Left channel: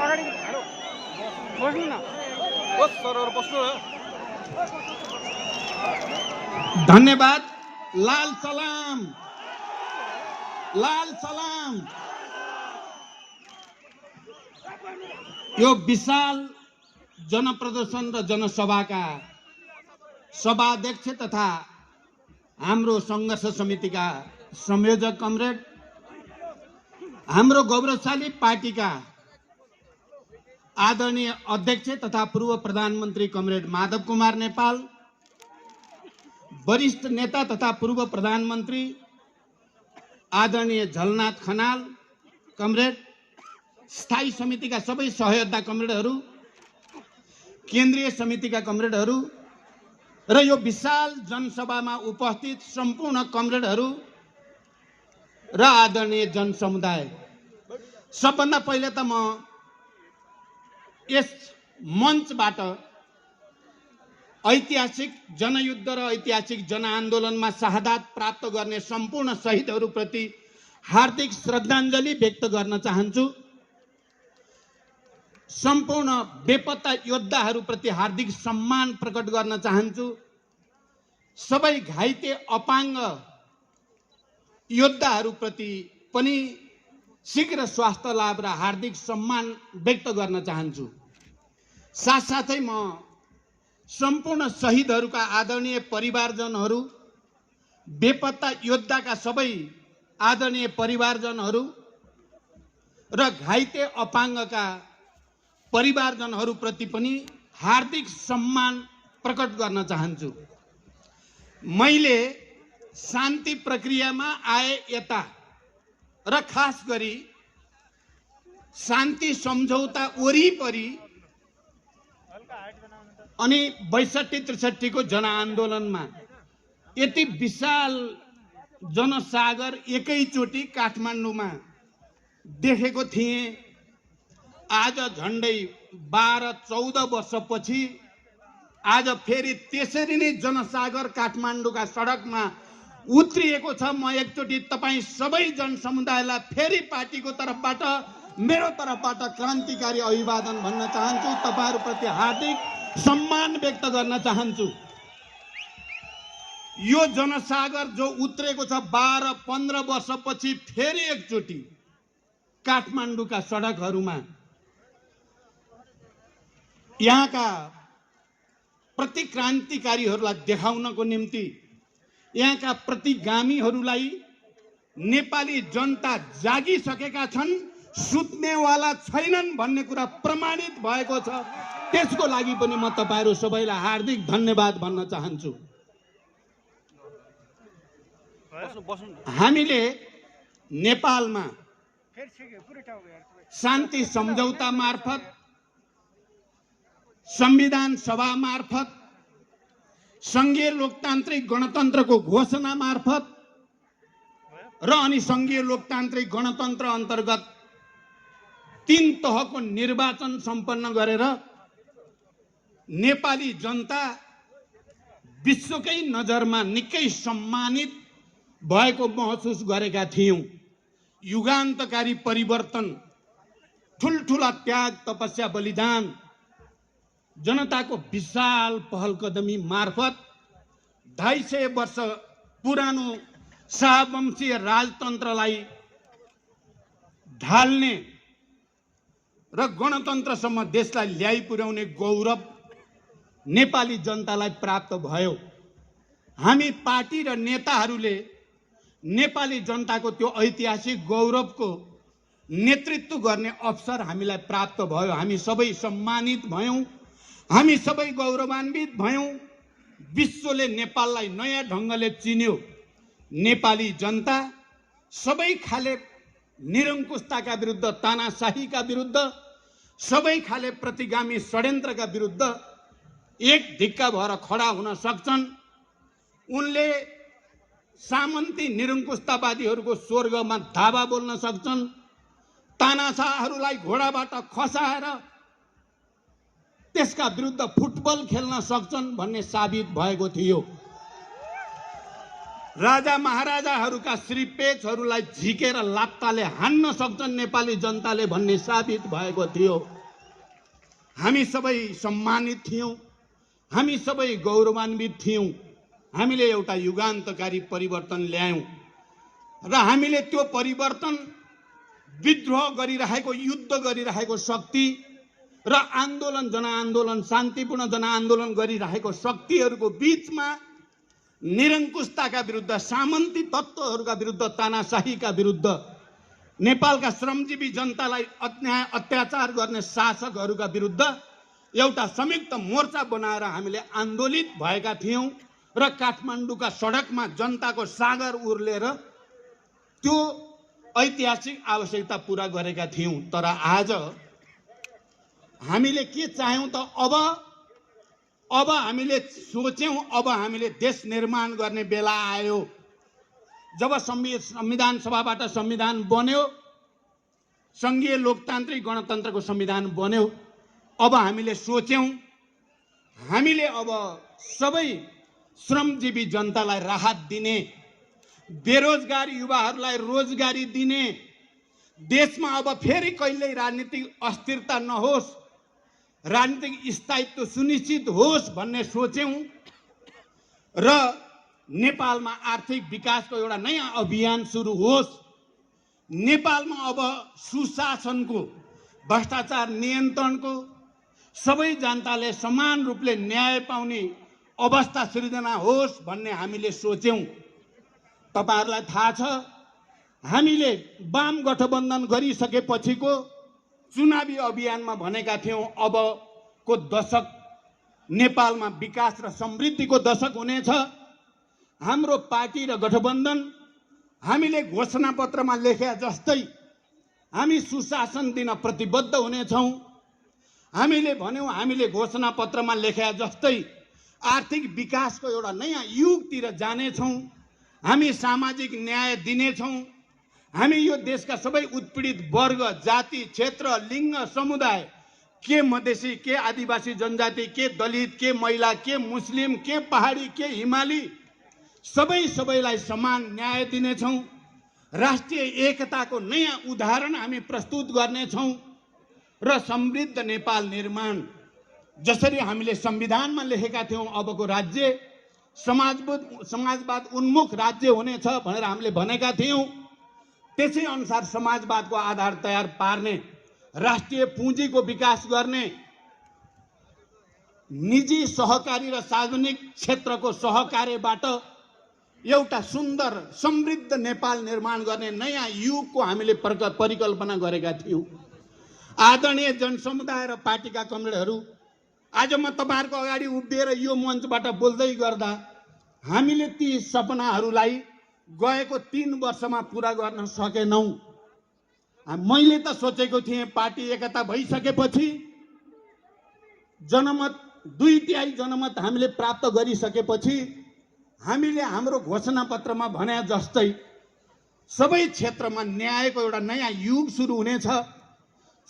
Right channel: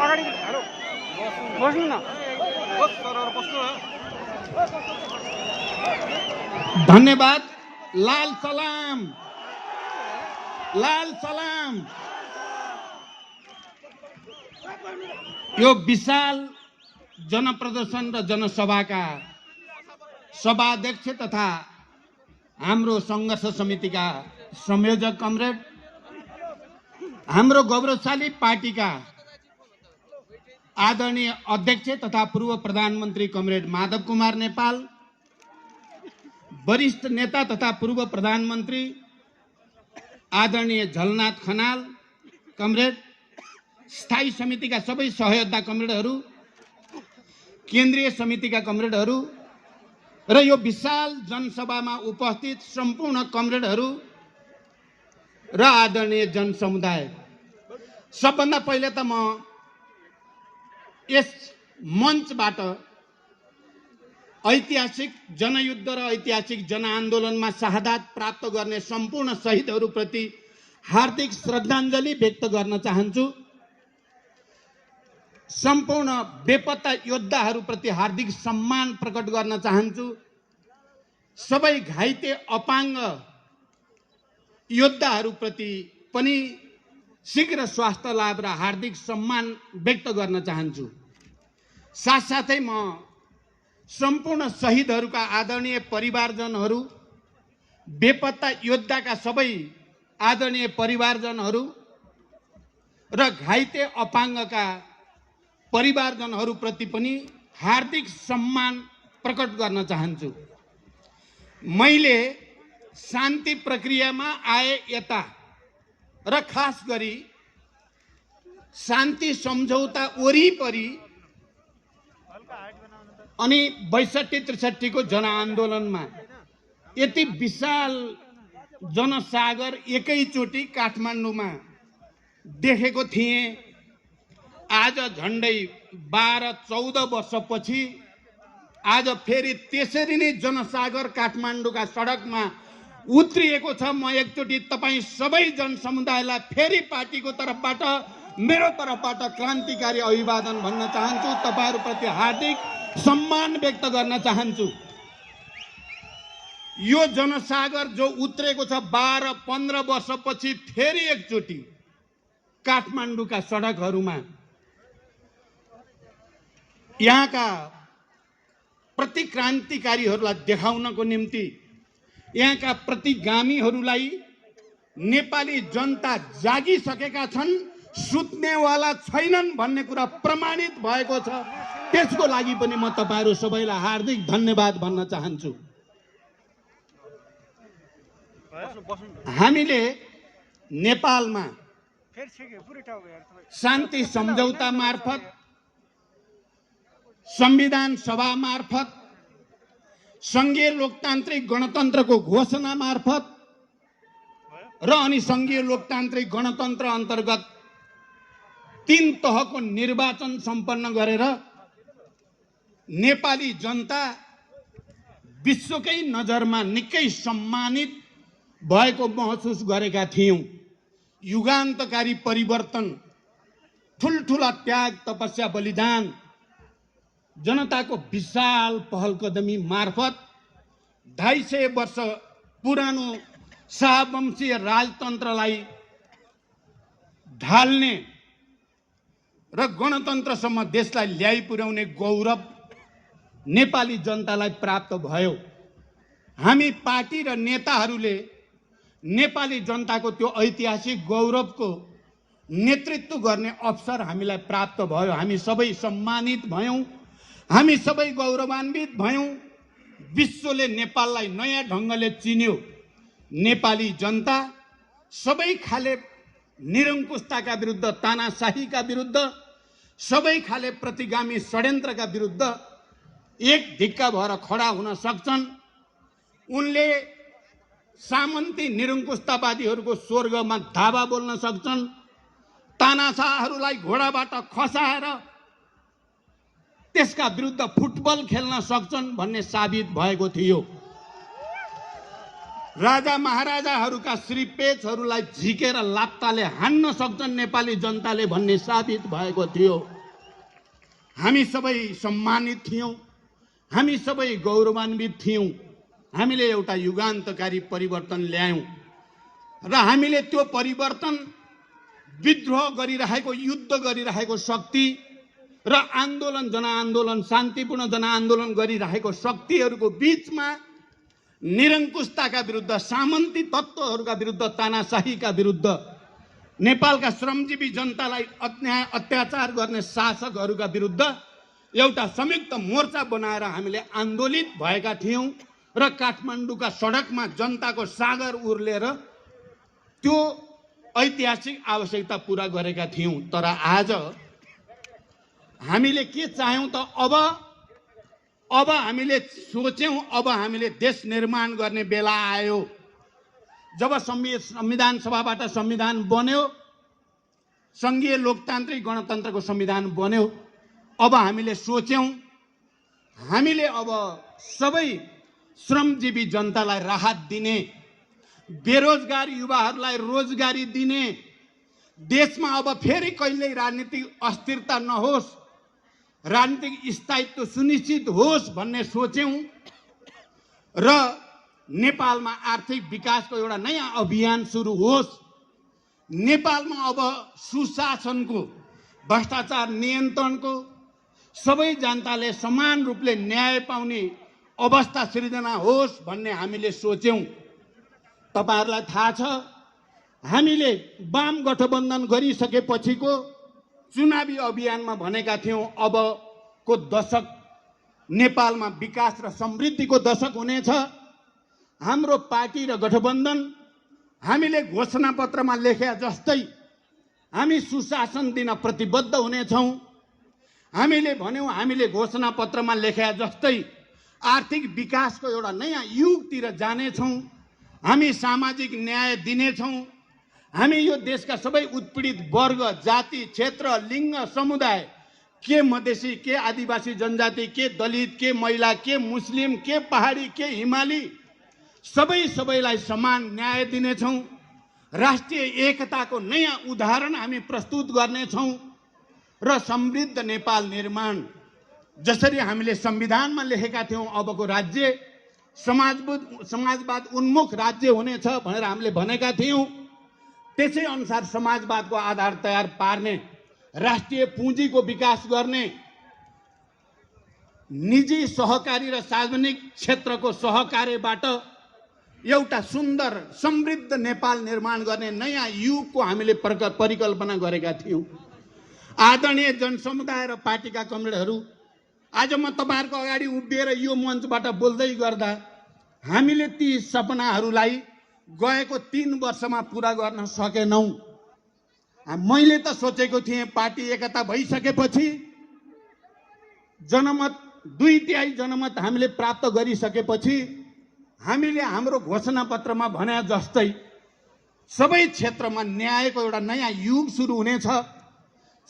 अगाडि हेलो बस्नु न बस सरहरु बस्नु न। धन्यवाद। लाल सलाम, लाल सलाम। यो विशाल जनप्रदर्शन र जनसभाका सभाध्यक्ष तथा हाम्रो संघर्ष समितिका संयोजक कमरेड, हाम्रो गौरवशाली पार्टीका आदरणीय अध्यक्ष तथा पूर्व प्रधानमन्त्री कमरेड माधव कुमार नेपाल, वरिष्ठ नेता तथा पूर्व प्रधानमन्त्री आदरणीय झलनाथ खनाल कमरेड, स्थायी समितिका सबै सहयोद्धा कमरेडहरू, केन्द्रीय समितिका कमरेडहरू र यो विशाल जनसभामा उपस्थित सम्पूर्ण कमरेडहरू र आदरणीय जनसमुदाय, सबभन्दा पहिले त म यस मञ्चबाट ऐतिहासिक जनयुद्ध र ऐतिहासिक जनआन्दोलनमा शहादत प्राप्त गर्ने सम्पूर्ण शहीदहरूप्रति हार्दिक श्रद्धाञ्जली व्यक्त गर्न चाहन्छु। सम्पूर्ण बेपत्ता योद्धाहरूप्रति हार्दिक सम्मान प्रकट गर्न चाहन्छु। सबै घाइते अपाङ्ग योद्धाहरूप्रति पनि शीघ्र स्वास्थ्य लाभ र हार्दिक सम्मान व्यक्त गर्न चाहन्छु। साथसाथै म सम्पूर्ण शहीदहरूका आदरणीय परिवारजनहरू, बेपत्ता योद्धाका सबै आदरणीय परिवारजनहरू र घाइते अपाङ्गका परिवारजनहरूप्रति पनि हार्दिक सम्मान प्रकट गर्न चाहन्छु। मैले शान्ति प्रक्रियामा आए यता र खास गरी शान्ति सम्झौता वरिपरि अनि 62-63 को जनआन्दोलनमा यति विशाल जनसागर एकैचोटि काठमाडौँमा देखेको थिएँ। आज झन्डै 12-14 वर्षपछि आज फेरि त्यसरी नै जनसागर काठमाडौँका सडकमा उत्रिएको छ। म एकचोटि तपाईँ सबै जनसमुदायलाई फेरि पार्टीको तर्फबाट, मेरो तर्फबाट क्रान्तिकारी अभिवादन भन्न चाहन्छु। तपाईहरूप्रति हार्दिक सम्मान व्यक्त गर्न चाहन्छु। यो जनसागर जो उत्रेको छ 12-15 वर्षपछि फेरि एकचोटि काठमाडौँका सडकहरूमा यहाँका प्रतिक्रान्तिकारीहरूलाई देखाउनको निम्ति, यहाँका प्रतिगामीहरूलाई नेपाली जनता जागिसकेका छन्, सुत्नेवाला छैनन् भन्ने कुरा प्रमाणित भएको छ। त्यसको लागि पनि म तपाईहरू सबैलाई हार्दिक धन्यवाद भन्न चाहन्छु। हामीले नेपालमा शान्ति सम्झौता मार्फत, संविधान सभा मार्फत, संघीय लोकतान्त्रिक गणतन्त्रको घोषणा मार्फत र अनि संघीय लोकतान्त्रिक गणतन्त्र अन्तर्गत 3 तहको निर्वाचन सम्पन्न गरेर नेपाली जनता विश्वकै नजरमा निकै सम्मानित भएको महसुस गरेका थियौं। युगान्तकारी परिवर्तन, ठुलठुला त्याग, तपस्या, बलिदान, जनताको विशाल पहलकदमी मार्फत 250 वर्ष पुरानो शाहवंशीय राजतन्त्रलाई ढाल्ने र गणतन्त्रसम्म देशलाई ल्याइ पुर्याउने गौरव नेपाली जनतालाई प्राप्त भयो। हामी पार्टी र नेताहरूले नेपाली जनताको त्यो ऐतिहासिक गौरवको नेतृत्व गर्ने अवसर हामीलाई प्राप्त भयो। हामी सबै सम्मानित भयौं, हामी सबै गौरवान्वित भयौं। विश्वले नेपाललाई नयाँ ढङ्गले चिन्यो। नेपाली जनता सबै खाले निरङ्कुशताका विरुद्ध, तानाशाहीका विरुद्ध, सबै खाले प्रतिगामी षड्यन्त्रका विरुद्ध एक ढिक्का भएर खडा हुन सक्छन्। उनले सामन्ती निरङ्कुशतावादीहरूको स्वर्गमा धावा बोल्न सक्छन्। तानाशाहहरूलाई घोडाबाट खसाएर त्यसका विरुद्ध फुटबल खेल्न सक्छन् भन्ने साबित भएको थियो। राजा महाराजाहरूका श्रीपेचहरूलाई झिकेर लात्ताले हान्न सक्छन् नेपाली जनताले भन्ने साबित भएको थियो। हामी सबै सम्मानित थियौँ, हामी सबै गौरवान्वित थियौँ। हामीले एउटा युगान्तकारी परिवर्तन ल्यायौँ र हामीले त्यो परिवर्तन विद्रोह गरिरहेको, युद्ध गरिरहेको शक्ति र आन्दोलन, जनआन्दोलन, शान्तिपूर्ण जनआन्दोलन गरिरहेको शक्तिहरूको बीचमा निरङ्कुशताका विरुद्ध, सामन्ती तत्त्वहरूका विरुद्ध, तानाशाहीका विरुद्ध, नेपालका श्रमजीवी जनतालाई अत्याचार गर्ने शासकहरूका विरुद्ध एउटा संयुक्त मोर्चा बनाएर हामीले आन्दोलित भएका थियौँ र काठमाडौँका सडकमा जनताको सागर उर्लेर त्यो ऐतिहासिक आवश्यकता पूरा गरेका थियौँ। तर आज हामीले के चाह्यौँ त? अब हामीले सोच्यौँ, अब हामीले देश निर्माण गर्ने बेला आयो। जब संविधान सभाबाट संविधान बन्यो, सङ्घीय लोकतान्त्रिक गणतन्त्रको संविधान बन्यो, अब हामीले सोच्यौँ हामीले अब सबै श्रमजीवी जनतालाई राहत दिने, बेरोजगार युवाहरूलाई रोजगारी दिने, देशमा अब फेरि कहिल्यै राजनीतिक अस्थिरता नहोस्, राजनीतिक स्थायित्व सुनिश्चित होस् भन्ने सोच्यौँ र नेपालमा आर्थिक विकासको एउटा नयाँ अभियान सुरु होस्। नेपालमा अब सुशासनको, भ्रष्टाचार नियन्त्रणको, सबै जनताले समान रूपले न्याय पाउने अवस्था सृजना होस् भन्ने हामीले सोच्यौँ। तपाईहरुलाई थाहा छ, हामीले वाम गठबन्धन गरिसकेपछिको चुनावी अभियानमा भनेका थियौँ अबको दशक नेपालमा विकास र समृद्धिको दशक हुनेछ। हाम्रो पार्टी र गठबन्धन हामीले घोषणापत्रमा लेखे जस्तै हामी सुशासन दिन प्रतिबद्ध हुनेछौँ। हामीले भन्यौँ हामीले घोषणापत्रमा लेखे जस्तै आर्थिक विकासको एउटा नयाँ युगतिर जानेछौँ। हामी सामाजिक न्याय दिनेछौँ। हामी यो देशका सबै उत्पीडित वर्ग, जाति, क्षेत्र, लिङ्ग, समुदाय, के मधेसी, के आदिवासी जनजाति, के दलित, के महिला, के मुस्लिम, के पहाडी, के हिमाली, सबैलाई समान न्याय दिनेछौँ। राष्ट्रिय एकताको नयाँ उदाहरण हामी प्रस्तुत गर्नेछौँ र समृद्ध नेपाल निर्माण, जसरी हामीले संविधानमा लेखेका थियौँ अबको राज्य समाजवाद उन्मुख राज्य हुनेछ भनेर हामीले भनेका थियौँ, त्यसै अनुसार समाजवादको आधार तयार पार्ने, राष्ट्रिय पुँजीको विकास गर्ने, निजी सहकारी र सार्वजनिक क्षेत्रको सहकार्यबाट एउटा सुन्दर समृद्ध नेपाल निर्माण गर्ने नयाँ युगको हामीले परिकल्पना गरेका थियौँ। आदरणीय जनसमुदाय र पार्टीका कमरेडहरू, आज म तपाईहरुको अगाडि उभिएर यो मञ्चबाट बोल्दै गर्दा हामीले ती सपनाहरूलाई गएको 3 वर्षमा पूरा गर्न सकेनौं। मैले त सोचेको थिएँ पार्टी एकता भइसकेपछि, जनमत 2/3 जनमत हामीले प्राप्त गरिसकेपछि हामीले हाम्रो घोषणापत्रमा भने जस्तै सबै क्षेत्रमा न्यायको एउटा नयाँ युग सुरु हुनेछ,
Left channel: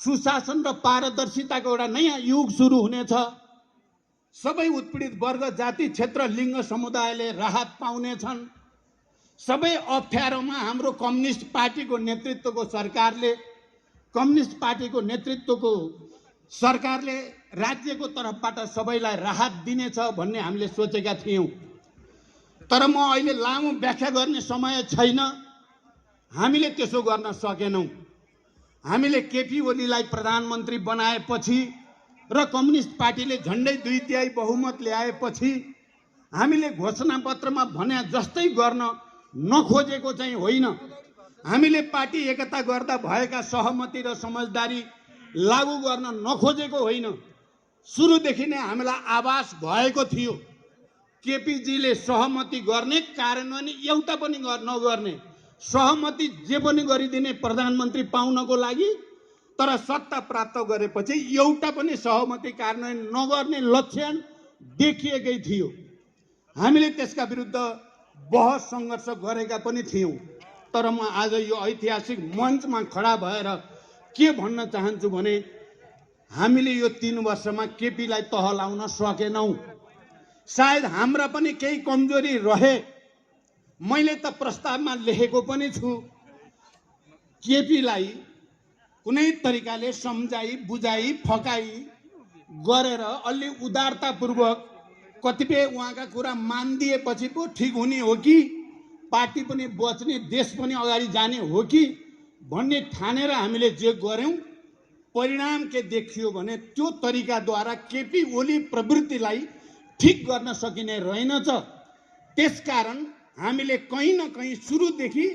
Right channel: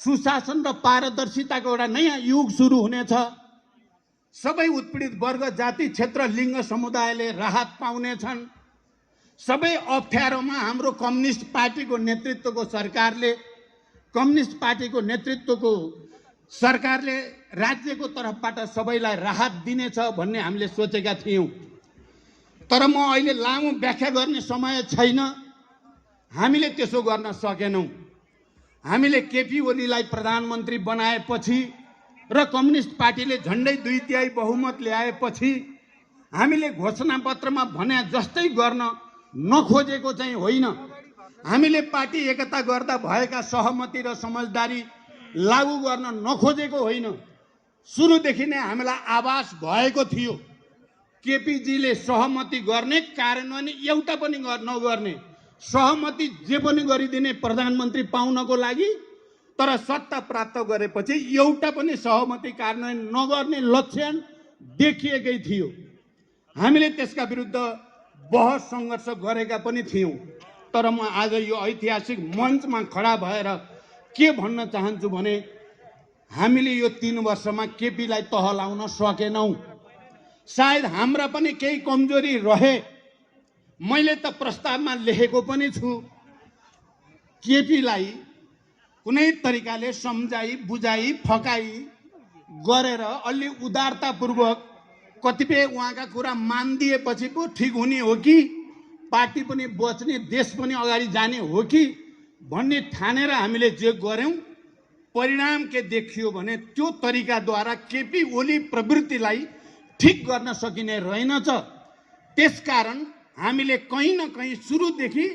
सुशासन र पारदर्शिताको एउटा नयाँ युग सुरु हुनेछ, सबै उत्पीडित वर्ग, जाति, क्षेत्र, लिङ्ग, समुदायले राहत पाउनेछन्। सबै अप्ठ्यारोमा हाम्रो कम्युनिस्ट पार्टीको नेतृत्वको सरकारले राज्यको तर्फबाट सबैलाई राहत दिनेछ भन्ने हामीले सोचेका थियौँ। तर म अहिले लामो व्याख्या गर्ने समय छैन, हामीले त्यसो गर्न सकेनौँ। हामीले केपी ओलीलाई प्रधानमन्त्री बनाएपछि र कम्युनिस्ट पार्टीले झन्डै 2/3 बहुमत ल्याएपछि हामीले घोषणापत्रमा भने जस्तै गर्न नखोजेको चाहिँ होइन। हामीले पार्टी एकता गर्दा भएका सहमति र समझदारी लागू गर्न नखोजेको होइन। सुरुदेखि नै हामीलाई आभास भएको थियो केपीजीले सहमति गर्ने, कार्यान्वयन एउटा पनि नगर्ने, सहमति जे पनि गरिदिने प्रधानमन्त्री पाउनको लागि, तर सत्ता प्राप्त गरेपछि एउटा पनि सहमति कार्यान्वयन नगर्ने लक्षण देखिएकै थियो। हामीले त्यसका विरुद्ध बहस सङ्घर्ष गरेका पनि थियौँ। तर म आज यो ऐतिहासिक मञ्चमा खडा भएर के भन्न चाहन्छु भने हामीले यो 3 वर्षमा केपीलाई तह लाउन सकेनौँ। सायद हाम्रा पनि केही कमजोरी रहे, मैले त प्रस्तावमा लेखेको पनि छु, केपीलाई कुनै तरिकाले सम्झाई बुझाई फकाई गरेर अलि उदारतापूर्वक कतिपय उहाँका कुरा मानिदिएपछि पो ठिक हुने हो कि पार्टी पनि बच्ने देश पनि अगाडि जाने हो कि भन्ने ठानेर हामीले जे गर्यौं परिणाम के देखियो भने त्यो तरिकाद्वारा केपी ओली प्रवृत्तिलाई ठिक गर्न सकिने रहेनछ। त्यसकारण हामीले कहीँ न कहीँ सुरुदेखि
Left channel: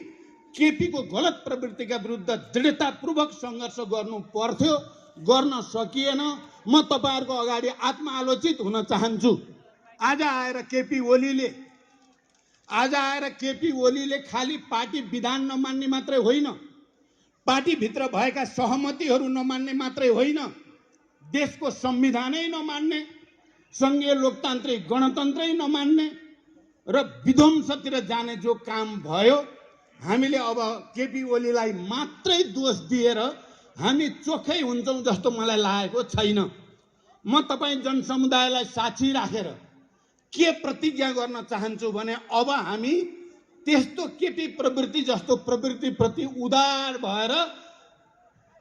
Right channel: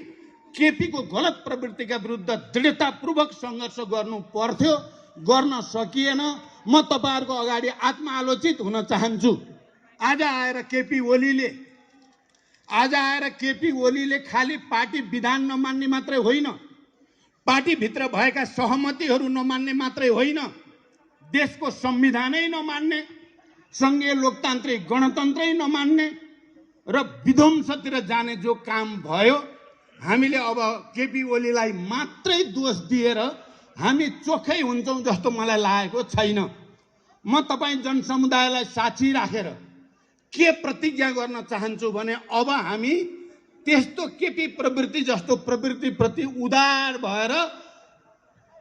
केपीको गलत प्रवृत्तिका विरुद्ध दृढतापूर्वक सङ्घर्ष गर्नु पर्थ्यो, गर्न सकिएन। म तपाईहरुको अगाडि आत्मआलोचित हुन चाहन्छु। आज आएर केपी ओलीले खाली पार्टी विधान नमान्ने मात्रै होइन, पार्टीभित्र भएका सहमतिहरू नमान्ने मात्रै होइन, देशको संविधानै नमान्ने, संघीय लोकतान्त्रिक गणतन्त्रै नमान्ने र विध्वंसतिर जाने जो काम भयो, हामीले अब केपी ओलीलाई मात्रै दोष दिएर हामी चोखै हुन्छौं जस्तो मलाई लागेको छैन। म तपाईं जनसमुदायलाई साक्षी राखेर के प्रतिज्ञा गर्न चाहन्छु भने अब हामी त्यस्तो केपी प्रवृत्ति जस्तो प्रवृत्तिप्रति उदार भएर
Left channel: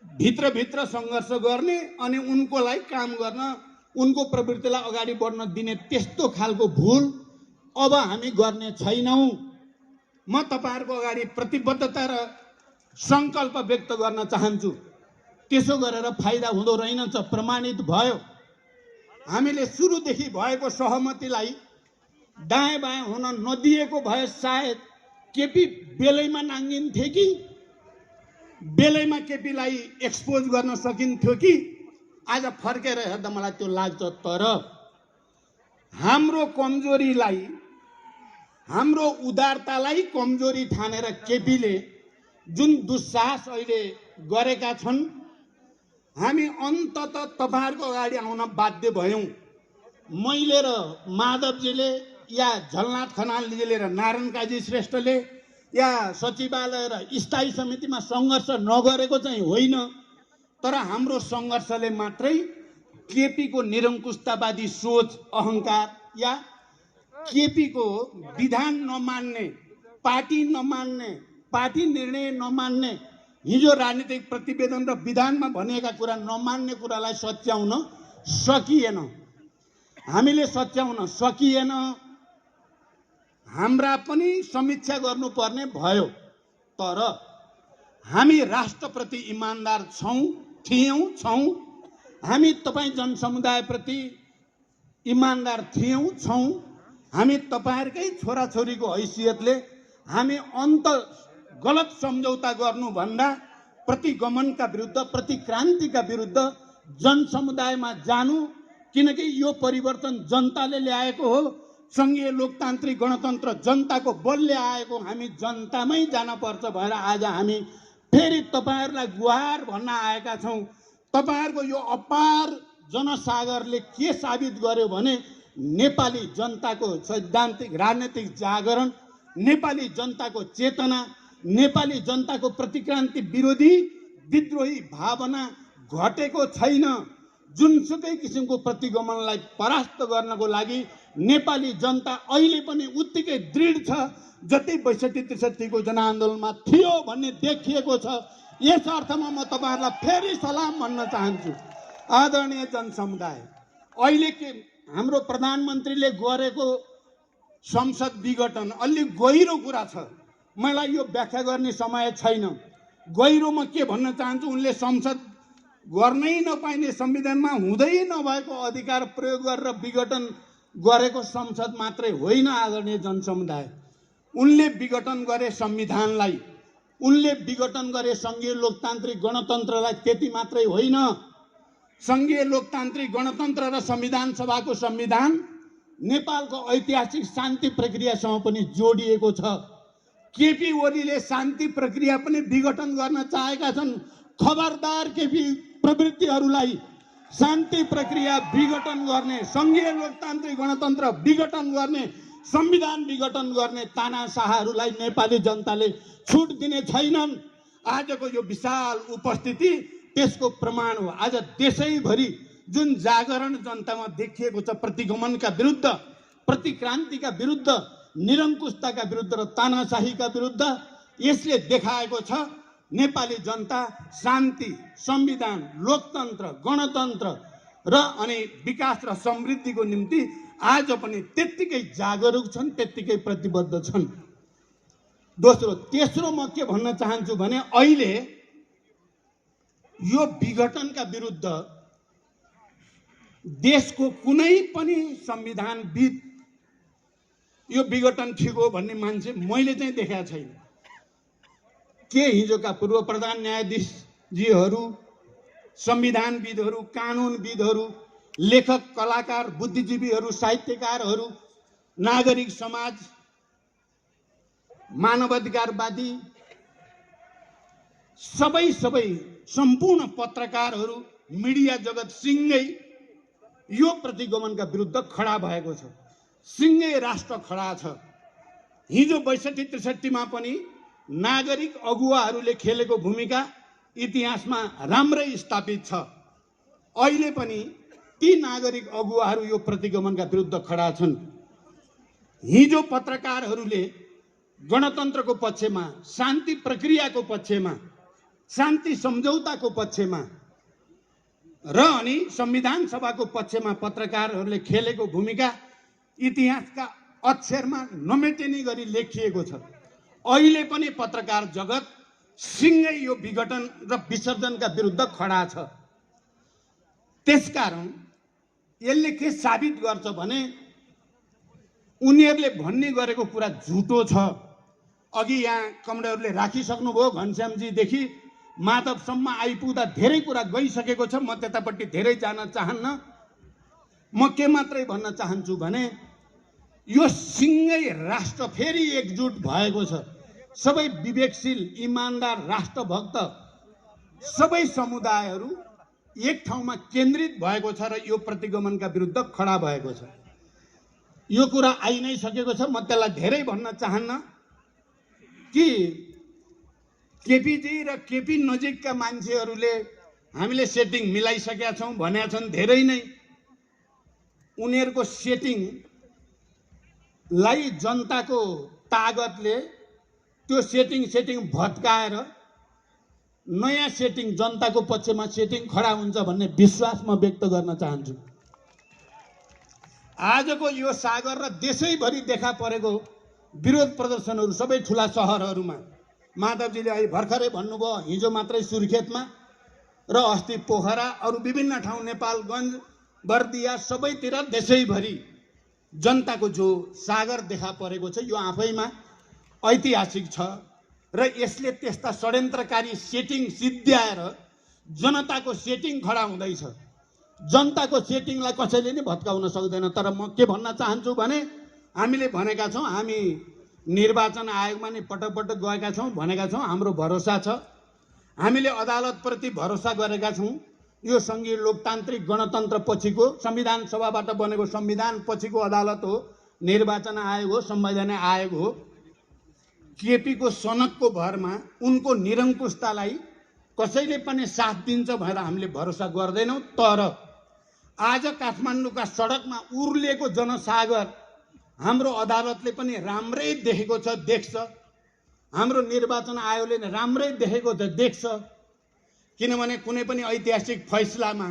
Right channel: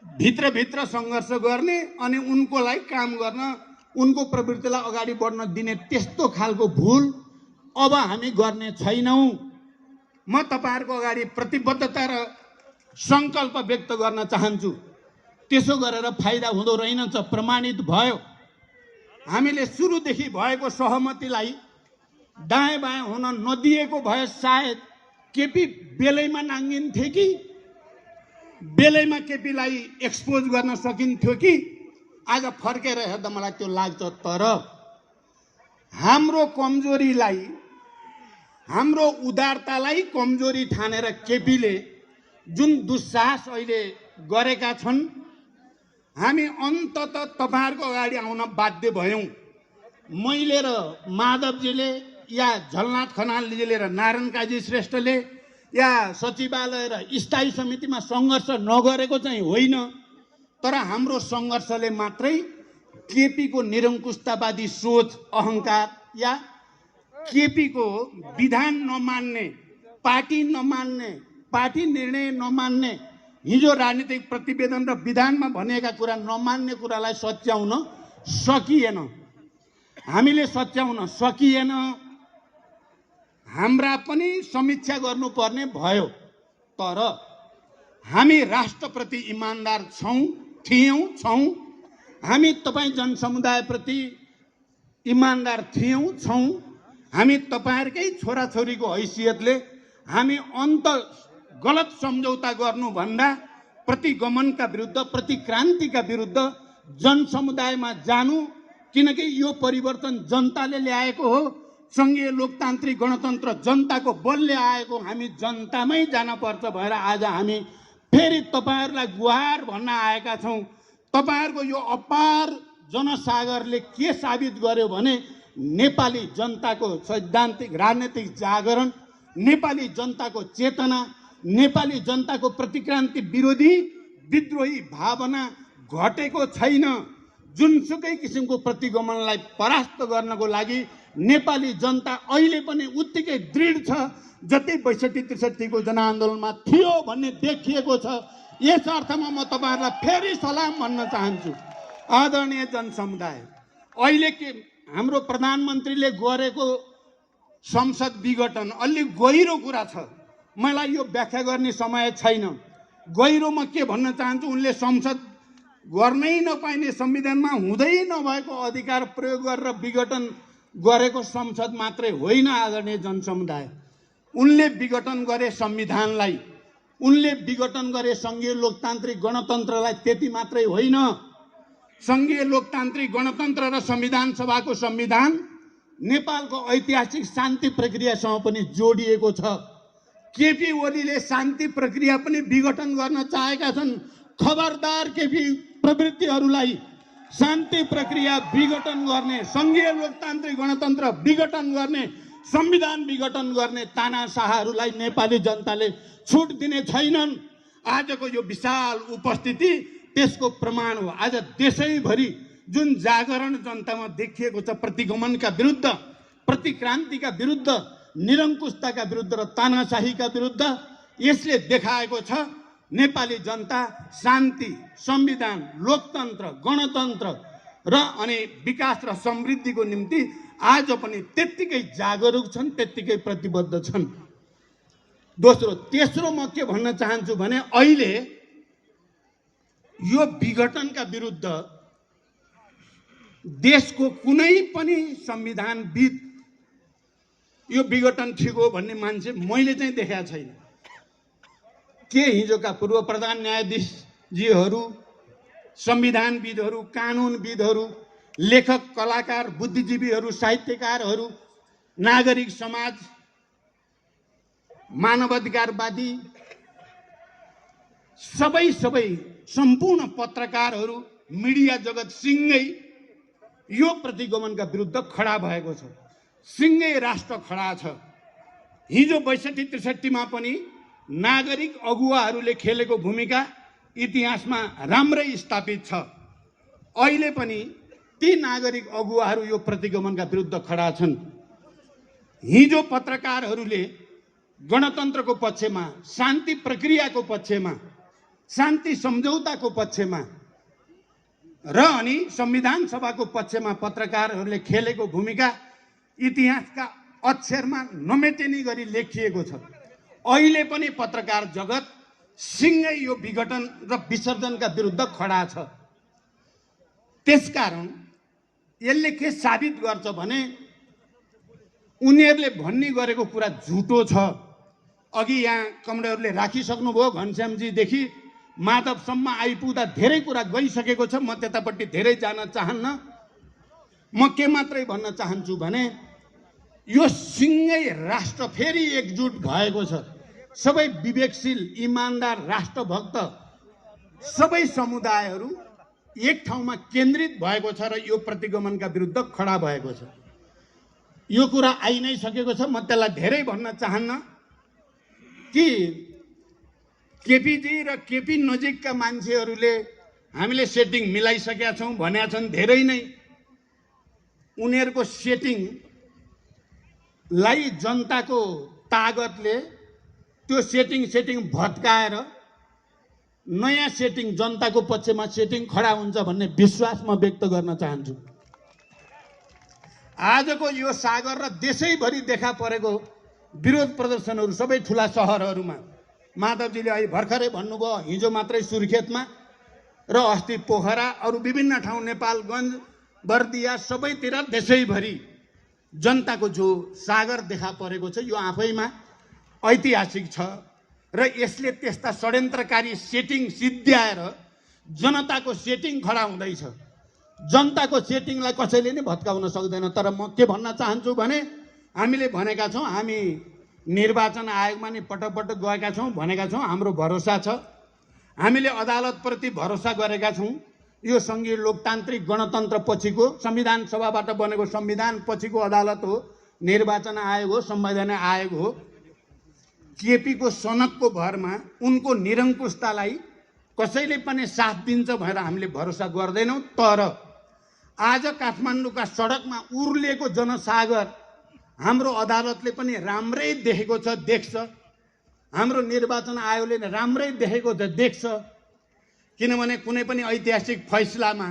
भित्रभित्र सङ्घर्ष गर्ने अनि उनकोलाई काम गर्न, उनको प्रवृत्तिलाई अगाडि बढ्न दिने त्यस्तो खालको भूल अब हामी गर्ने छैनौं। म तपाईहरुको अगाडि प्रतिबद्धता र संकल्प व्यक्त गर्न चाहन्छु। त्यसो गरेर फाइदा हुँदो रहेनछ, प्रमाणित भयो। हामीले सुरुदेखि भएको सहमतिलाई दायाँ बायाँ हुन नदिएको भए सायद केपी बेलैमा नाङ्गिन्थे कि बेलैमा केपीलाई एक्सपोज गर्न सकिन्थ्यो कि आज फर्केर हेर्दा मलाई त्यो लाग्छ। तर हाम्रो कमजोरीलाई, हाम्रो उदारतालाई कमजोरी ठानेर केपीले जुन दुस्साहस अहिले गरेका छन्, हामी अन्ततः तपाईहरुको अगाडि आउन बाध्य भयौं। मैले र माधवजीले या झलनाथ खनालजीले र नारायण काजी श्रेष्ठले या सचिवालय र स्थायी समितिमा सङ्घर्ष नगरेको चाहिँ होइन, तर हाम्रो सङ्घर्षले मात्रै केपीको निरङ्कुशतावादी सोच, अहंकार या केपीको विधान नमान्ने, पार्टी नमान्ने, पार्टी निर्णय नमान्ने, हिजो राजनीतिक प्रतिवेदन र विधानमा भनिएका कुरा नमान्ने कुरालाई सच्याउन सकिएन। हामीले सच्याउन सकिएन। हाम्रा पनि समीक्षा गर्नुपर्ने भयो। तर हामी राष्ट्रप्रति इमानदार छौं। हामी तपाईं जनसमुदायप्रति इमानदार छौं। हामी तपाईहरुकै छोराछोरीको हैसियतले हामी गलत सम्झौता गर्नुभन्दा प्रतिगमनका विरुद्ध, प्रतिक्रान्तिका विरुद्ध जनसमुदायमा जानु, किनकि यो परिवर्तन जनताले ल्याएको हो। संघीय लोकतान्त्रिक गणतन्त्र जनताको बलले आएको, हामी जनतामै जान पर्छ भएर आज हामी फेरि तपाईहरुलाई गुहार भन्न आएका छौं। तपाईहरुको यो अपार जनसागरले के साबित गर्यो भने नेपाली जनताको सैद्धान्तिक राजनीतिक जागरण, नेपाली जनताको चेतना, नेपाली जनताको प्रतिक्रान्ति विरोधी विद्रोही भावना घटेको छैन। जुनसुकै किसिमको प्रतिगमनलाई परास्त गर्नको लागि नेपाली जनता अहिले पनि उत्तिकै दृढ छ जति 62-63 को जनआन्दोलनमा थियो भन्ने देखिएको छ। यस अर्थमा म तपाईहरुलाई फेरि सलाम भन्न चाहन्छु। आदरणीय जनसमुदाय, अहिले के हाम्रो प्रधानमन्त्रीले गरेको संसद विघटन अलि गहिरो कुरा छ। मलाई यो व्याख्या गर्ने समय छैन। गहिरोमा के भन्न चाहन्छु, उनले संसद गर्नै नपाइने, संविधानमा हुँदै नभएको अधिकार प्रयोग गरेर विघटन गरेको संसद मात्रै होइन। आदरणीय जनसमुदाय, उनले विघटन गरे संविधानलाई, उनले विघटन गरे संघीय लोकतान्त्रिक गणतन्त्रलाई। त्यति मात्रै होइन, संघीय लोकतान्त्रिक गणतन्त्र र संविधान सभाको संविधान नेपालको ऐतिहासिक शान्ति प्रक्रियासँग पनि जोडिएको छ। केपी ओलीले शान्ति प्रक्रिया पनि विघटन गर्न चाहेका छन्। खबरदार केपी प्रवृत्तिहरूलाई शान्ति प्रक्रिया विघटन गर्ने, संघीय लोकतान्त्रिक गणतन्त्र विघटन गर्ने, संविधान विघटन गर्ने तानाशाहहरूलाई नेपाली जनताले छुट दिने छैनन्। आजको यो विशाल उपस्थिति त्यसको प्रमाण हो। आज देशैभरि जुन जागरण जनतामा देखिएको छ, प्रतिगमनका विरुद्ध, प्रतिक्रान्तिका विरुद्ध, निरङ्कुशताका विरुद्ध र तानाशाहीका विरुद्ध यसले देखाएको छ नेपाली जनता शान्ति, संविधान, लोकतन्त्र, गणतन्त्र र अनि विकास र समृद्धिको निम्ति आज पनि त्यत्तिकै जागरुक छन्, त्यत्तिकै प्रतिबद्ध छन्। तेस्रो म के भन्न चाहन्छु भने अहिले यो विघटनका विरुद्ध देशको कुनै पनि संविधानविद यो विघटन ठिक हो भन्ने मान्छे मैले चाहिँ देखाएको छैन। के हिजोका पूर्व प्रधान न्यायाधीशजीहरू, संविधानविदहरू, कानुनविदहरू, लेखक, कलाकार, बुद्धिजीवीहरू, साहित्यकारहरू, नागरिक समाज, मानवाधिकारवादी, सबै सम्पूर्ण पत्रकारहरू, मिडिया जगत सिंगै यो प्रतिगमनका विरुद्ध खडा भएको छ। सिंगै राष्ट्र खडा छ। हिजो 62-63 मा पनि नागरिक अगुवाहरूले खेलेको भूमिका इतिहासमा राम्रै स्थापित छ। अहिले पनि ती नागरिक अगुवाहरू यो प्रतिगमनका विरुद्ध खडा छन्। हिजो पत्रकारहरूले गणतन्त्रको पक्षमा, शान्ति प्रक्रियाको पक्षमा, शान्ति सम्झौताको पक्षमा र अनि संविधान सभाको पक्षमा पत्रकारहरूले खेलेको भूमिका इतिहासका अक्षरमा नमेटिने गरी लेखिएको छ। अहिले पनि पत्रकार जगत सिंगै यो विघटन र विसर्जनका विरुद्ध खडा छ। त्यसकारण यसले के साबित गर्छ भने उनीहरूले भन्ने गरेको कुरा झुटो छ। अघि यहाँ कमरेडहरूले राखिसक्नुभयो, घनश्यामजीदेखि माधवसम्म आइपुग्दा धेरै कुरा गइसकेको छ। म त्यतापट्टि धेरै जान चाहन्न। म के मात्रै भन्न चाहन्छु भने यो सिंगै राष्ट्र फेरि एकजुट भएको छ। सबै विवेकशील, इमानदार, राष्ट्रभक्त सबै समुदायहरू एक ठाउँमा केन्द्रित भएको छ र यो प्रतिगमनका विरुद्ध खडा भएको छ। यो कुरा आइ नै सकेको छ। म त्यसलाई धेरै भन्न चाहन्न कि केपीजी र केपी नजिकका मान्छेहरूले हामीले सेटिङ मिलाइसकेका छौँ भनेका छन्। धेरै नै उनीहरूको सेटिङलाई जनताको तागतले त्यो सेटिङ भत्काएर नयाँ सेटिङ, जनताको पक्षमा सेटिङ खडा हुन्छ भन्ने विश्वास म व्यक्त गर्न चाहन्छु। आजको यो सागर र देशैभरि देखा परेको विरोध प्रदर्शनहरू सबै ठुला सहरहरूमा, माधवजीले अहिले भर्खरै भन्नुभयो, हिजो मात्रै सुर्खेतमा र अस्ति पोखरा, अरू विभिन्न ठाउँ नेपालगञ्ज, बर्दिया, सबैतिर देशैभरि जनताको जो सागर देखा परेको छ यो आफैमा ऐतिहासिक छ र यसले त्यस्ता षड्यन्त्रकारी सेटिङ सिद्ध्याएर जनताको सेटिङ खडा हुँदैछ। जनताको सेटिङलाई कसैले नै भत्काउन सक्दैन। तर म के भन्न चाहन्छु भने हामीले भनेका छौँ, हामी निर्वाचन आयोगमा नि पटक पटक गएका छौँ, भनेका छौँ हाम्रो भरोसा छ। हामीले अदालतप्रति भरोसा गरेका छौँ। यो सङ्घीय लोकतान्त्रिक गणतन्त्र पछिको, संविधान सभाबाट बनेको संविधान पछिको अदालत हो, निर्वाचन आयोग हो, संवैधानिक आयोग हो। केपीको सनकको भरमा उनको निरङ्कुशतालाई कसैले पनि साथ दिन्छ भनेर हामीले भरोसा गर्दैनौँ। तर आज काठमाडौँका सडकमा उर्लिएको जनसागर हाम्रो अदालतले पनि राम्रै देखेको छ, देख्छ। हाम्रो निर्वाचन आयोगले राम्रै देखेको छ, देख्छ। किनभने कुनै पनि ऐतिहासिक फैसलामा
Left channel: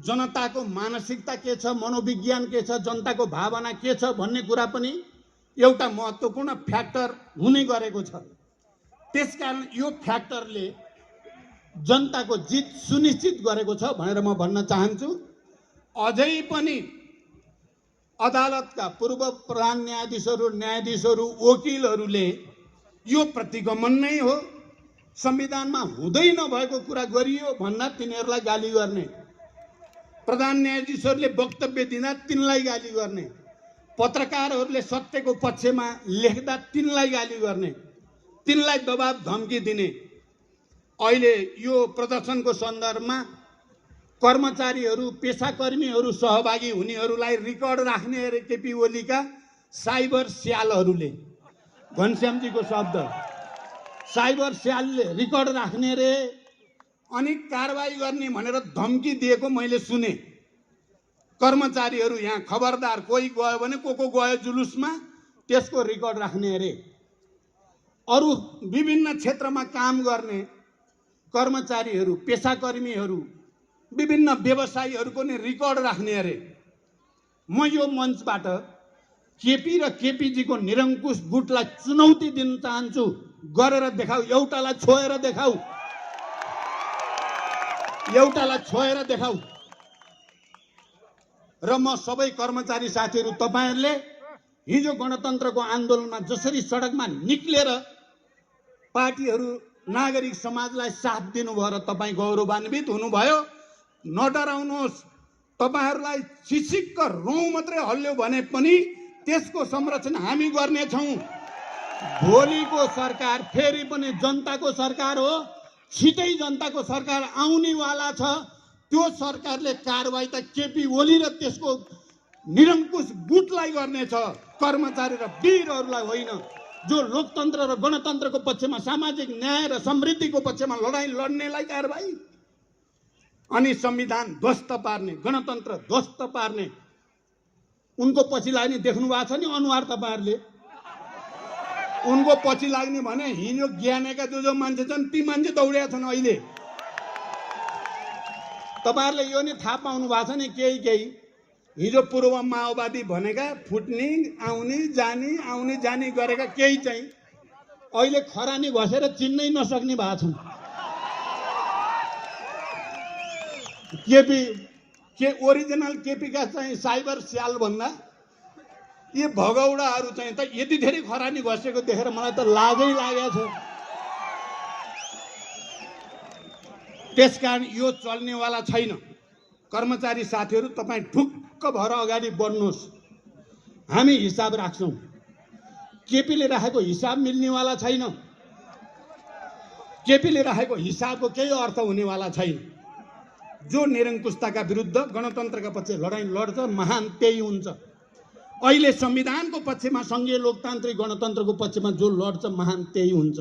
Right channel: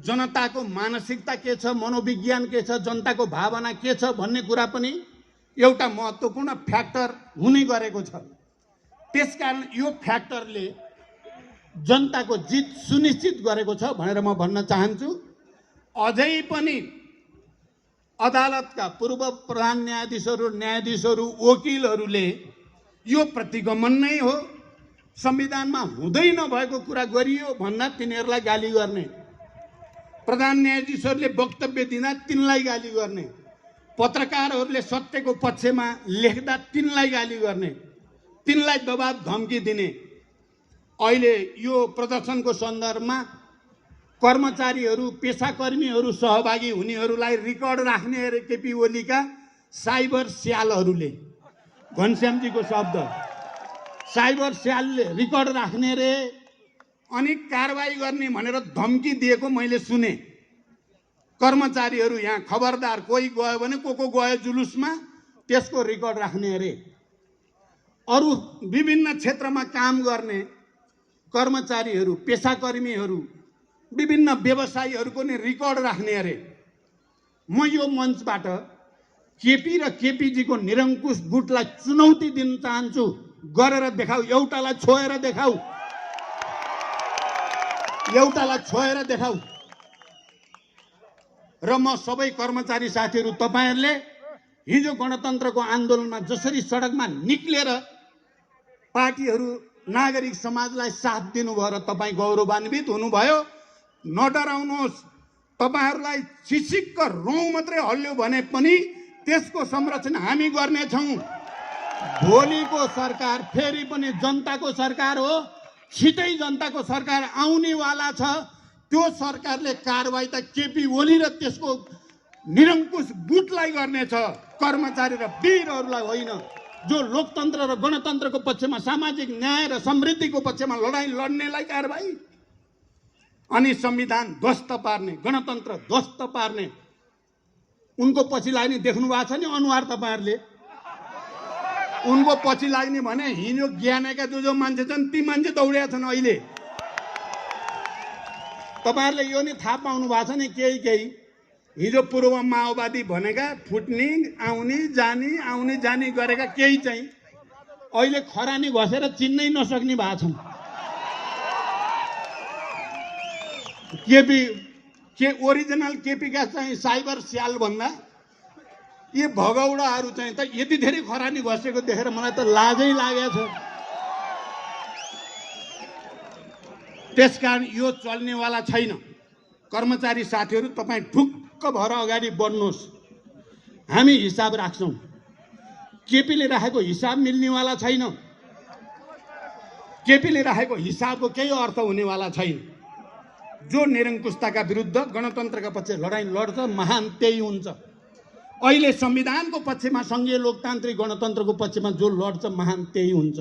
जनताको मानसिकता के छ, मनोविज्ञान के छ, जनताको भावना के छ भन्ने कुरा पनि एउटा महत्त्वपूर्ण फ्याक्टर हुने गरेको छ। त्यसकारण यो फ्याक्टरले जनताको जित सुनिश्चित गरेको छ भनेर म भन्न चाहन्छु। अझै पनि अदालतका पूर्व प्रधान न्यायाधीशहरू, वकिलहरूले यो प्रतिगमन नै हो, संविधानमा हुँदै नभएको कुरा गरियो भन्दा तिनीहरूलाई गाली गर्ने, प्रधान न्यायाधीशहरूले वक्तव्य दिँदा तिनलाई गाली गर्ने, पत्रकारहरूले सत्यको पक्षमा लेख्दा तिनलाई गाली गर्ने, तिनलाई दबाब धम्की दिने। अहिले यो प्रदर्शनको सन्दर्भमा कर्मचारीहरू, पेसाकर्मीहरू सहभागी हुनेहरूलाई रिकर्ड राख्ने अरे केपी ओलीका साइबर स्यालहरूले, घनश्यामजीको शब्द, साइबर स्यालले रिकर्ड राख्ने रे अनि कारबाही गर्ने भनेर धम्की दिएको मैले सुने। कर्मचारीहरू यहाँ खबरदार, कोही गयो भने को गयो जुलुसमा त्यसको रेकर्ड राख्ने अरे। अरू विभिन्न क्षेत्रमा काम गर्ने कर्मचारीहरू, पेसाकर्मीहरू, विभिन्न व्यवसायीहरूको नि रेकर्ड राख्ने अरे। म यो मञ्चबाट केपी र केपीजीको निरङ्कुश गुटलाई चुनौती दिन चाहन्छु। गरेर देखाऊ, एउटालाई छोएर देखाऊ, एउटालाई छोएर देखाऊ। र म सबै कर्मचारी साथीहरू, तपाईहरुले हिजो गणतन्त्रको आन्दोलनमा जसरी सडकमा निक्लेर पार्टीहरू नागरिक समाजलाई साथ दिनुभयो र तपाईँ गौरवान्वित हुनुभयो। नडराउनुहोस्, तपाईहरुलाई छिसिक्क रौँ मात्रै हल्यो भने पनि त्यसको संरक्षण हामी गर्नेछौँ। भोलिको सरकार फेरि पनि जनताको सरकार हो, छिटै जनताको सरकार आउनेवाला छ। त्यो सरकारले कारबाही त केपी ओली र त्यसको निरङ्कुश गुटलाई गर्नेछ, कर्मचारी र वीरहरूलाई होइन। जो लोकतन्त्र र गणतन्त्रको पक्षमा, सामाजिक न्याय र समृद्धिको पक्षमा लडाईँ लड्नेलाई कारबाही, अनि संविधान ध्वस्त पार्ने, गणतन्त्र ध्वस्त पार्ने उनको पछि लाग्ने देख्नु भएको छ नि अनुहार तपाईहरुले। उनको पछि लाग्ने भने हिजो ज्ञानेका जो मान्छे छन् ती मान्छे दौडेका छन् अहिले। तपाईहरुले यो नि थाहा पाउनु भएको छ नि केही हिजो पूर्व माओवादी भनेका फुट्ने आउने जाने गरेका केही चाहिँ अहिले खरानी घसेर चिन्नै नसक्ने भएको छन्। केपी के ओरिजिनल केपी का चाहिँ साइबर स्याल भन्दा ये भगौडाहरू चाहिँ त यति धेरै खरानी घसेको देखेर मलाई त लाजै लागेको छ। त्यसकारण यो चल्नेवाला छैन। कर्मचारी साथीहरू, तपाईँ ढुक्क भएर अगाडि बढ्नुहोस्, हामी हिसाब राख्छौँ। केपीले राखेको हिसाब मिल्नेवाला छैन। केपीले राखेको हिसाबको केही अर्थ हुनेवाला छैन। जो निरङ्कुशताका विरुद्ध गणतन्त्रका पक्ष लडाईँ लड्छ महान त्यही हुन्छ। अहिले संविधानको पक्षमा, संघीय लोकतान्त्रिक गणतन्त्रको पक्षमा जो लड्छ महान त्यही हुन्छ।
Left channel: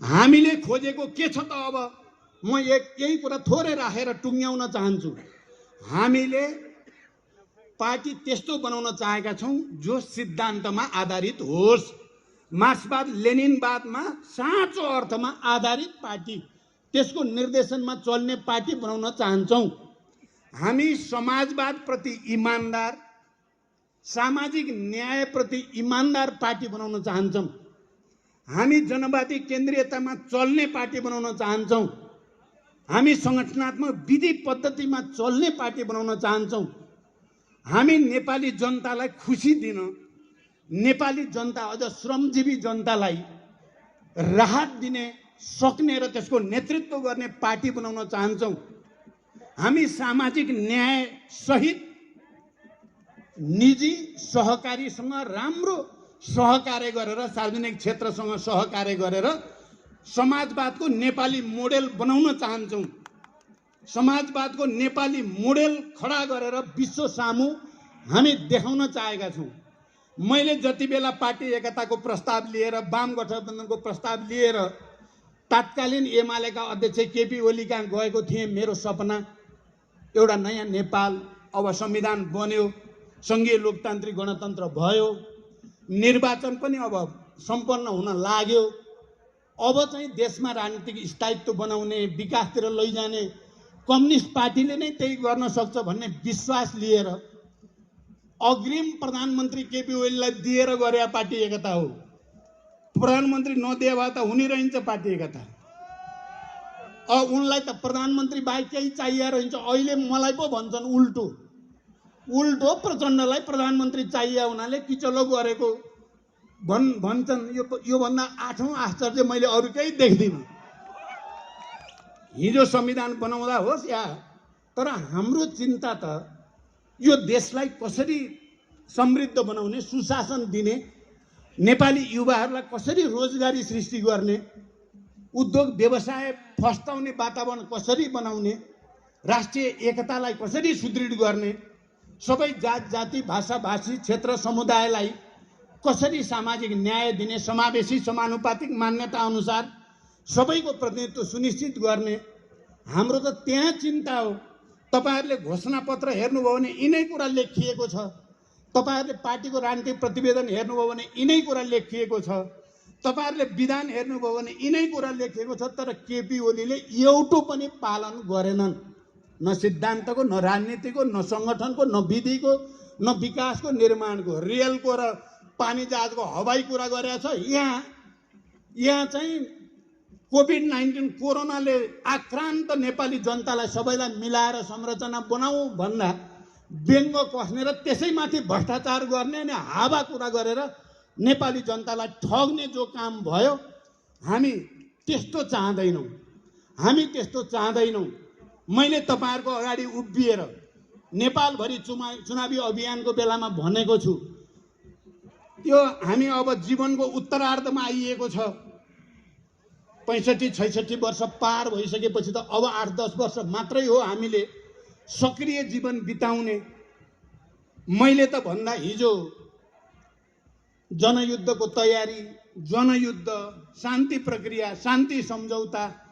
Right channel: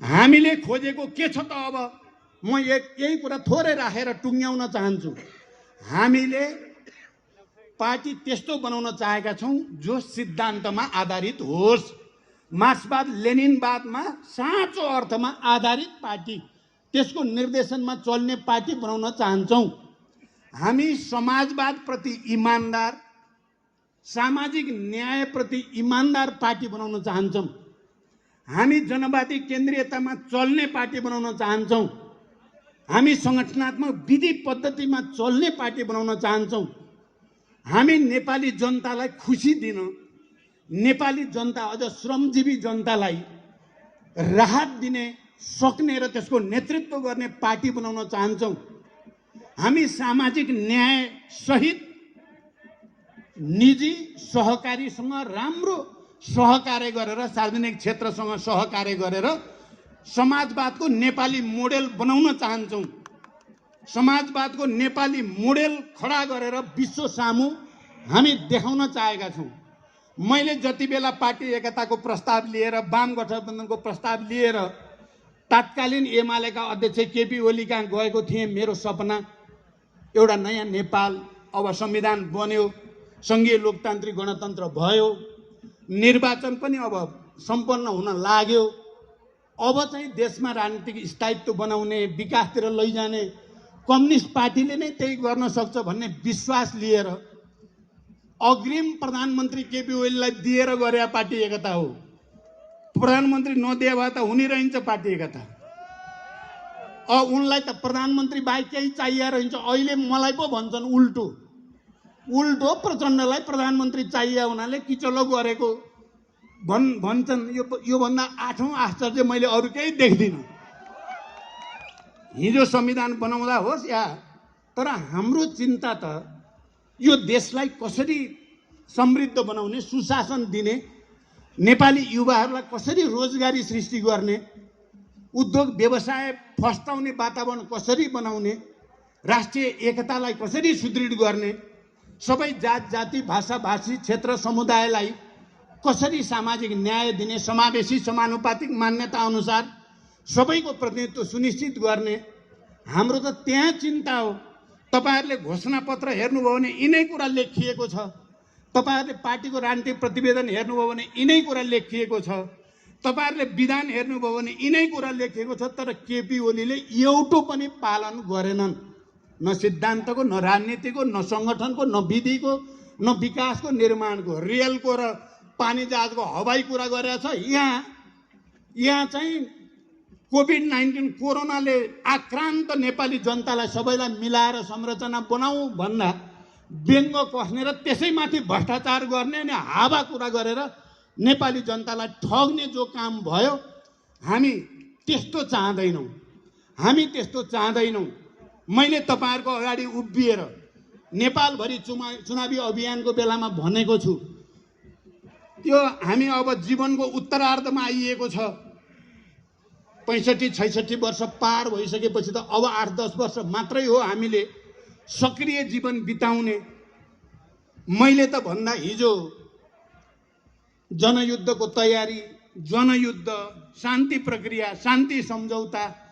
हामीले खोजेको के छ त? अब म यही कुरा थोरै राखेर टुङ्ग्याउन चाहन्छु। हामीले पार्टी त्यस्तो बनाउन चाहेका छौँ जो सिद्धान्तमा आधारित होस्, मार्क्सवाद लेनिनवादमा साँचो अर्थमा आधारित पार्टी, त्यसको निर्देशनमा चल्ने पार्टी बनाउन चाहन्छौँ। हामी समाजवाद प्रति इमानदार, सामाजिक न्याय प्रति इमानदार पार्टी बनाउन चाहन्छौँ। हामी जनवादी केन्द्रीयतामा चल्ने पार्टी बनाउन चाहन्छौँ। हामी संगठनात्मक विधि पद्धतिमा चल्ने पार्टी बनाउन चाहन्छौँ। हामी नेपाली जनतालाई खुसी दिन, नेपाली जनता अझ श्रमजीवी जनतालाई राहत दिने सक्ने र त्यसको नेतृत्व गर्ने पार्टी बनाउन चाहन्छौँ। हामी सामाजिक न्याय सहित निजी सहकारीसँग राम्रो सहकार्य गरेर, सार्वजनिक क्षेत्रसँग सहकार्य गरेर समाजवादको नेपाली मोडेल बनाउन चाहन्छौँ। समाजवादको नेपाली मोडेल खडा गरेर विश्व सामु हामी देखाउन चाहेका छौँ। मैले जति बेला पार्टी एकताको प्रस्ताव लिएर, वाम गठबन्धनको प्रस्ताव लिएर तत्कालीन एमालेका अध्यक्ष केपी ओली कहाँ गएको थिएँ, मेरो सपना एउटा नयाँ नेपाल, अब संविधान बन्यो, संघीय लोकतान्त्रिक गणतन्त्र भयो, निर्वाचन पनि अब सम्पन्न हुन लाग्यो, अब चाहिँ देशमा राजनीतिक स्थायित्व बनाउने, विकासतिर लैजाने कम्युनिस्ट पार्टीले नै त्यही गर्न सक्छ भन्ने विश्वास लिएर अग्रिम प्रधानमन्त्री केपी ओलीलाई दिएर गरे पार्टी एकता हो। प्रधानमन्त्री नदिए भए त हुने रहन्छ पार्टी एकता। उनलाई त प्रधानमन्त्री बाहेक केही चाहिए रहन्छ। अहिले मलाई पो भन्छन् उल्टो प्रचण्डलाई प्रधानमन्त्री चाहिए हुनाले किचलो गरेको भन्छन्। यो भन्दा 8औं आश्चर्य मैले अरू केही देख्दिनँ। हिजो संविधान बनाउँदा होस् या, तर हाम्रो चिन्ता त यो देशलाई कसरी समृद्ध बनाउने, सुशासन दिने, नेपाली युवाहरूलाई कसरी रोजगारी सृष्टि गर्ने, उद्योग व्यवसाय फस्टाउने वातावरण कसरी बनाउने, राष्ट्रिय एकतालाई कसरी सुदृढ गर्ने, सबै जात जाति भाषा भाषी क्षेत्र समुदायलाई कसरी सामाजिक न्याय दिने, समावेशी समानुपातिक मान्यता अनुसार सबैको प्रतिनिधित्व सुनिश्चित गर्ने, हाम्रो त त्यहाँ चिन्ता हो। तपाईहरुले घोषणापत्र हेर्नुभयो भने यिनै कुरा लेखिएको छ। तपाईहरुले पार्टीको राजनीतिक प्रतिवेदन हेर्नुभयो भने यिनै कुरा लेखिएको छ। तपाईहरुले विधान हेर्नुभयो भने यिनै कुरा लेखिएको छ। तर केपी ओलीले एउटो पनि पालन गरेनन्। न सिद्धान्तको, न राजनीतिको, न संगठनको, न विधिको, न विकासको, निर्माणको, रेलको र पानी जहाजको हवाई कुरा गरेको छ। यहाँ चाहिँ कोभिड-19 कोरोनाले आक्रान्त नेपाली जनतालाई सबैलाई मिलाएर संरचना बनाऊ भन्दा व्यङ्ग कस्ने र त्यसैमाथि भ्रष्टाचार गर्ने अनि हावा कुरा गरेर नेपाली जनतालाई ठग्ने जो काम भयो, हामी त्यस्तो चाहदैनौँ। मैले तपाईहरुको अगाडि उभिएर नेपालभरि चुनावी अभियानको बेलामा भनेको छु, त्यो हामी अब जीवनको उत्तरार्धमा आइएको छ। 65-66 वर्ष पार भइसकेपछि त अब 8-10 वर्ष मात्रै हो हामीले सक्रिय जीवन बिताउने। मैले त भन्दा हिजो जनयुद्धको तयारी, जनयुद्ध, शान्ति प्रक्रिया, शान्ति सम्झौता